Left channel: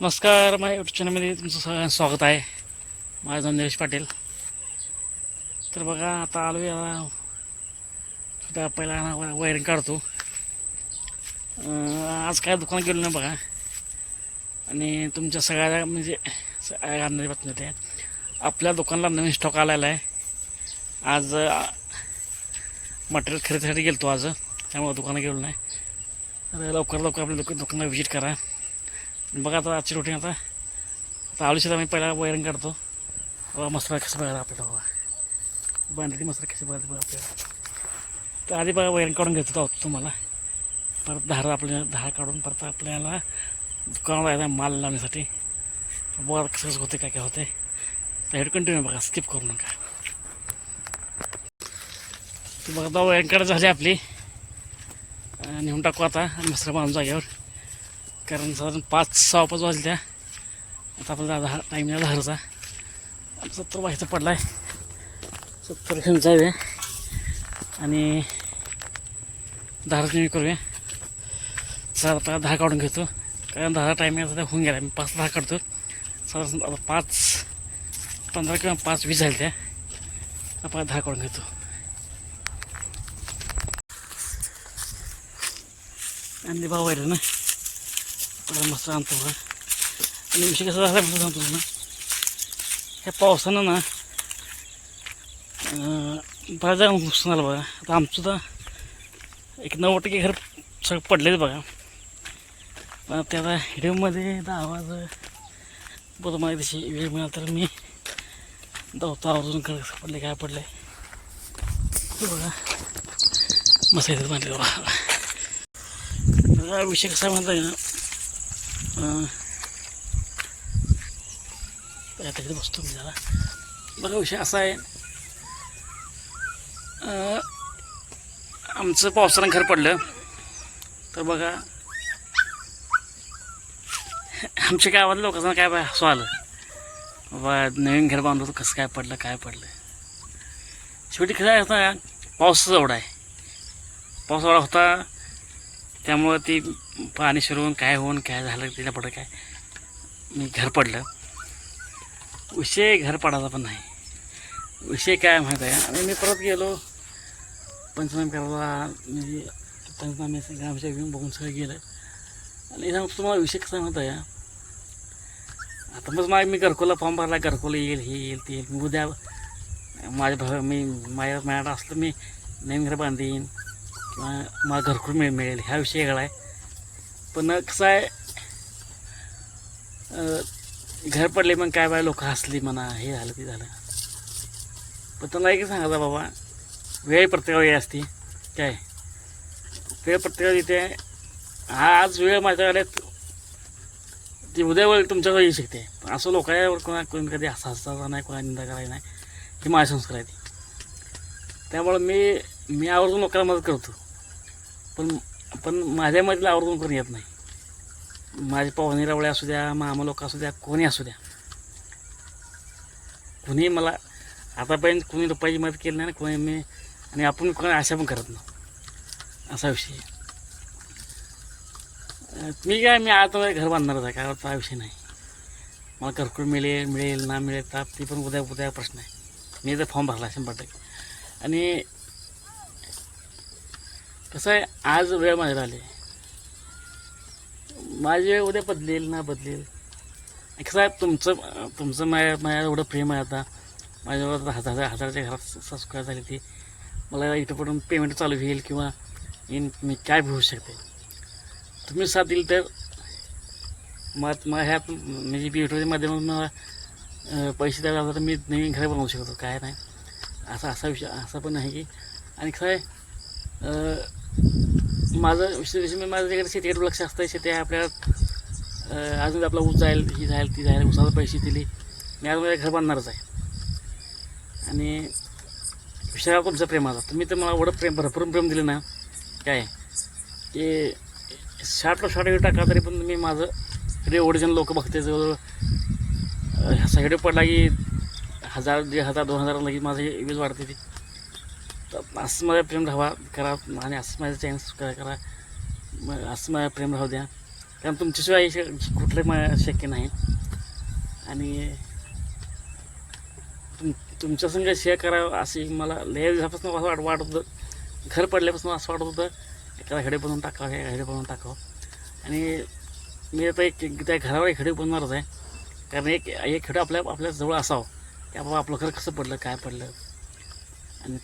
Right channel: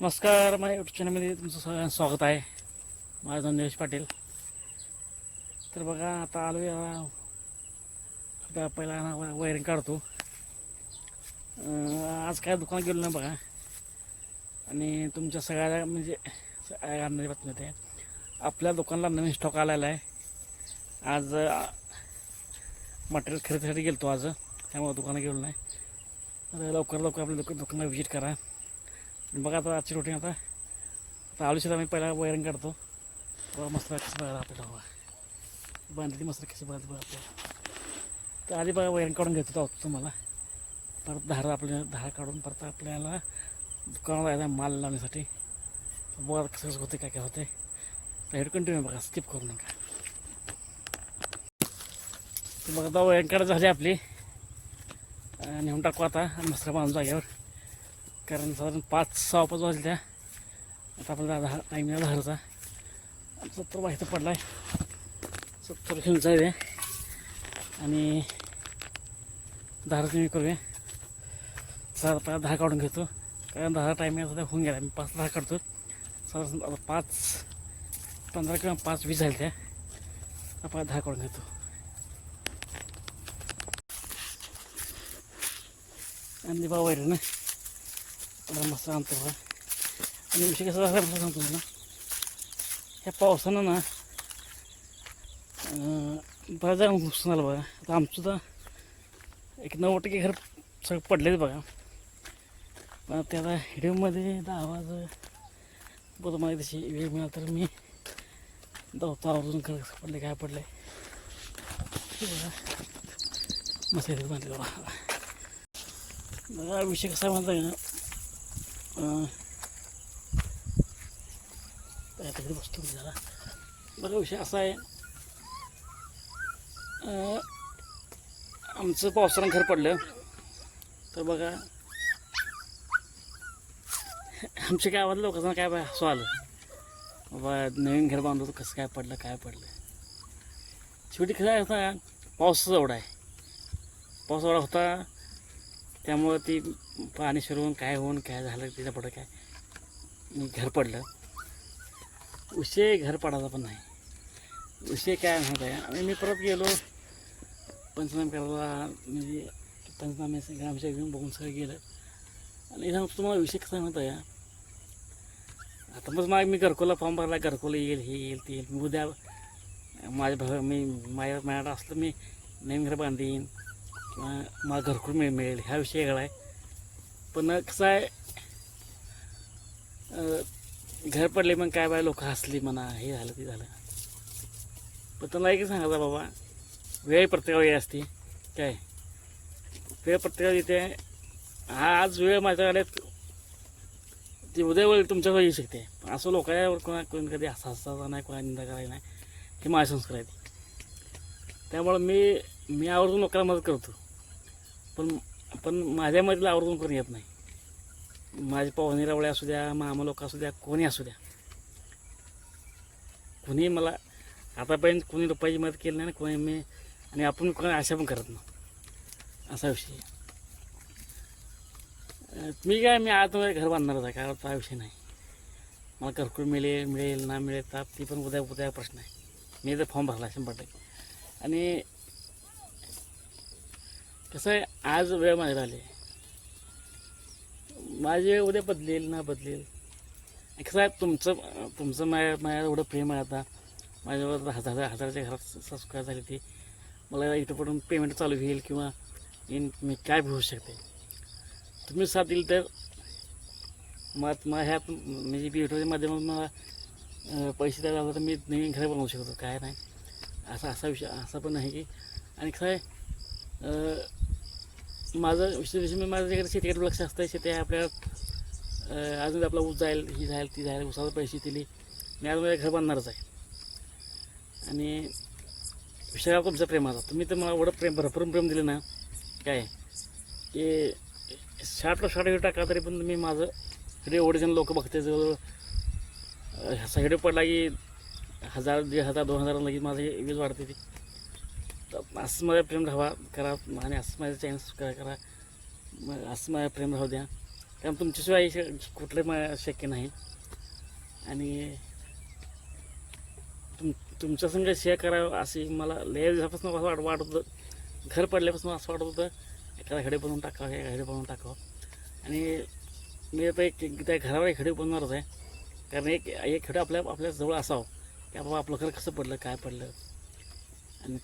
नमस्कार माझ्या युट्यूब चॅनलमध्ये तुमचं सगळ्यांचं स्वागत आहे. माझं नाव निलेश पाटील. तर बघा आता आलो या पहिला ना वायरिंग काढतो. आज काय दुकानात गेलो नाही बघा. आणि तुमच्या सगळ्या म्हणजे आणणारी बातमी होते आपल्या दुकानाला नवीन स्टॉक आलेला आहे. आज मटेरियल खरेदीसाठी गेलो आज. त्यामुळे दुकानात गेलो नाही. लवकर लवकर आपल्या दुक दुकानाला व्हिजिट करा. बघा आता आजची रुटीन आता. आता आलू शेतात मी पहिला वैरण काढतो. बघा मसाला कसं बघायला आपल्याला बघा. बांधली मसाला कशी बघायला बघा आपल्याला. तर आधी बघा वैरण काढून घेतो आहोत तुम्हाला. परत धार आपल्या धार काढून परत आपल्याला दुकानाला यायला माल लावण्यासाठी. बघा कसं कसं होते काय काय होते तर हेड कंटिन्यू बघा स्किप करू नका. बघा वायरिंग वैरण झाली आपली. आणि नेऊन टाकू आता आणि मसाला बांधून जागेवर. कारण साधारण पाच सहा पाच वाजल्या. आता आपला दहा टाईम आहे दहाचा सत्तर व्हायचं पडला आहे सत्तर घेऊन जाऊया. आणि दहा मी करूया. सर आता दहा काढून घेतो. कारण दहा टायमिंग सध्या होऊन गेला मी पाच दहा काढतो. साधारण आता पाच पंधरा किंवा पाच वीस झाले त्या आपण दहा काढून घेतो. आणि भाऊ ना. मस्त आणतो आणि विषय कसा झाला मस्त सांगतो ना ह्या पावसानं ना अं, बऱ्याच जण नुकसान आलं बघा. आता आमचं तर एक नव्वद टक्के घर सगळं पडलेलं बघा. पण त्या आता व्हिडिओमध्ये आता आवाज बरं मला तशी वेळ मिळाला तर मी धावतो आवर्जून कर पडले काय पडले ते बघा. मस्त येतात माहिती बघा. तर विषय कसा म्हणता त्याकडे बसतो मी जरा. बघा विषय असा आहे. आमचं पावसानं घर पडलं. तर बघा आमच्या गावात लोकांना काय बा हसू आलं. बाबा नवीन घर बांधलं तर कसं काय पडलं काय पडलं. शेवटी कसं आहे पावसाचा एवढा आहे. पाऊस एवढा होता त्यामुळं ती पाणी शिरवून काय होऊन काय झालं तिला पडलं काय? मी घर पडलं. विषय घर पडायचा पण नाही. विषय काय माहीत आहे? आणि मी परत गेलो. पंचनामे करायला मी पंचनामे ग्रामसेवक घेऊन बघून सगळं गेलं. आणि इथं तुम्हाला विषय कसा माहीत आहे? आता मग माझ्या मी घरकोला फॉर्म भरला घरकोला येईल हे येईल ते येईल. उद्या माझ्या भाव मी माझ्या मॅडम असलं मी नवीन घर बांधीन. किंवा मला घरकुल मिळेल. ह्या विषय वेगळा आहे. पण कसं आहे घर पडले मग काय बाय लोक हसली म्हणा हे झालं ते झालं. पण त्यांना एक सांगायचा बाबा वेळ प्रत्येकाला वेळ असते. काय? वेळ प्रत्येकाला येते. आज वेळ माझ्याकडे ती उद्या वेळ तुमच्यावर येऊ शकते. पण असं लोकांवर कोणा कोणी कधी हसा हसायचा नाही कोणा निंदा करायला नाही. ही माझी संस्कार आहे ती त्यामुळं मी मी आवर्जून लोकांना मदत करतो. पण पण माझ्या मधील आवर्जून कोणी येत नाही. माझे पाहुणे रवळे असू द्या मामा लोक असू द्या कोणी असू द्या. कुणी मला आतापर्यंत कुणी रुपयाची मदत केली नाही कोणी मी आणि आपण कोणी आशा पण करत नाही. असा विषय मी काय मी आता घर बांधणार आहे काय हा विषय नाही. मला घरकुल मिळेल मिळेल ना मिळेल ताप ती पण उद्या उद्या प्रश्न आहे. मी तर फॉर्म भरला शंभर टक्के. आणि कसं आहे आज वेळ माझ्या आली माझी वेळ उद्या बदलेल ना बदलेल. कसं आहे तुमचं तुमचं माझ्या माझ्या एवढं प्रेम आहे आता. माझ्यावर हजार हजाराच्या घरात सबस्क्राईब झाली ती. मला इथं पडून पेमेंट चालू होईल किंवा इन मी काय होऊ शकते? तुम्ही साथ दिली तर मग मग ह्या म्हणजे व्हिडिओच्या माध्यमातून मला पैसे द्यायला लागले तर मी नवीन घरी बनवू शकतो. काय नाही. असा असा विषय असा पण आहे की. आणि कसं आहे माझं विश्लेषण विषय मी माझं तिकडे शेतीकडे लक्ष असतं शेती आहे आपल्याला अजून आपला ऊस जाईल ही जाईल ती जाईल ऊसाला पैसे दिले. मी अजून घर बांधणारच आहे. आणि विषयावर तुमचं प्रेमाचा तुम्ही तर मला एवढं प्रेम भरपूर प्रेम दिलं ना. काय? की साठ साठ व्हिडिओ टाका तरी पण मी माझं इकडे ओरिजिनल लोक बघते. जवळ सगळे पडला की हजार दीड हजार दोन हजार लगेच माझी वीज वाढते ती. तर असं माझं प्रेम राहावा करा आणि असं माझं चॅनल करा करा मग असं माझं प्रेम राहू द्या कारण तुमच्याशिवाय श- कुठले मा- शक्य नाही आणि तुम तुमच्या संग शेअर करावं अशी मला लय दिवसापासून असं वाट वाटत होतं घर पडल्यापासून असं वाटत होतं एखादा खडे बनवून टाकावं हे हेडे बनवून टाकावं आणि मी आता एक त्या घरावर एक खडे बनवणारच आहे कारण एक एक खेडू आपल्या आपल्या जवळ असावं की बाबा आपलं घर कसं पडलं काय पडलं आणि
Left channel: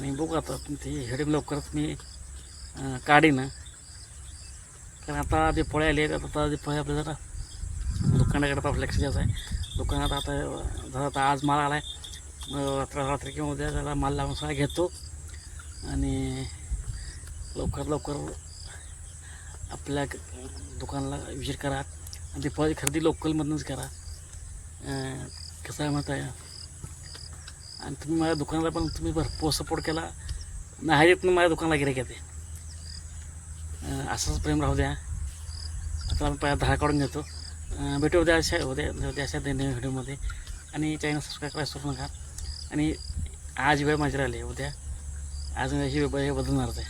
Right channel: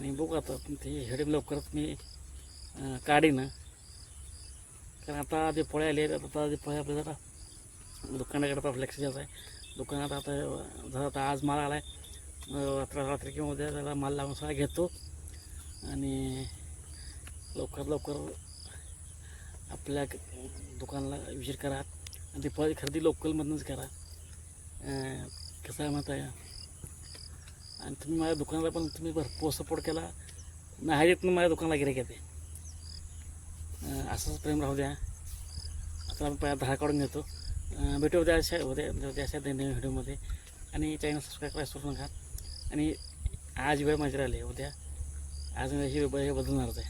आणि बघू आता ते हेडे लवकरच मी काढीन. कारण आता जे पोळे आले आहेत आता जे पोळे आपल्या जरा दुकानाकडे आता लक्ष द्यायचं आहे. दुकानात आता जरा आता आज माल आला आहे रात्र रात्री किंवा उद्या त्याला माल लावून सगळा घेतो. आणि लवकर लवकर आपल्या दुकानाला विजिट करा. आणि ती फळ खरेदी लोकलमधूनच करा. कसं आहे माहिती आहे? आणि तुम्ही माझ्या दुकानाला पण तुम्ही भरपूर सपोर्ट केला. नाही पण माझ्या दुकानाला गिरे घेते असंच प्रेम राहू द्या. आता आम्ही पहिला धारा काढून घेतो. भेटू उद्या अशा उद्या उद्या अशा नवीन व्हिडिओमध्ये. आणि चॅनल सबस्क्राईब करायला सुरू नका. आणि आज वेळ माझी राहिली उद्या. आज अशी वेळ हे बदलणारच आहे.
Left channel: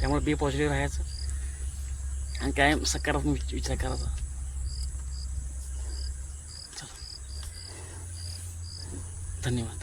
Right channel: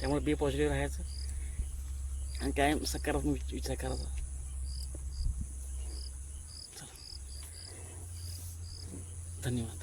त्यामुळे बी पॉझिटिव्ह राहायचं. आणि काय सकारात्मक विचार करायचा. धन्यवाद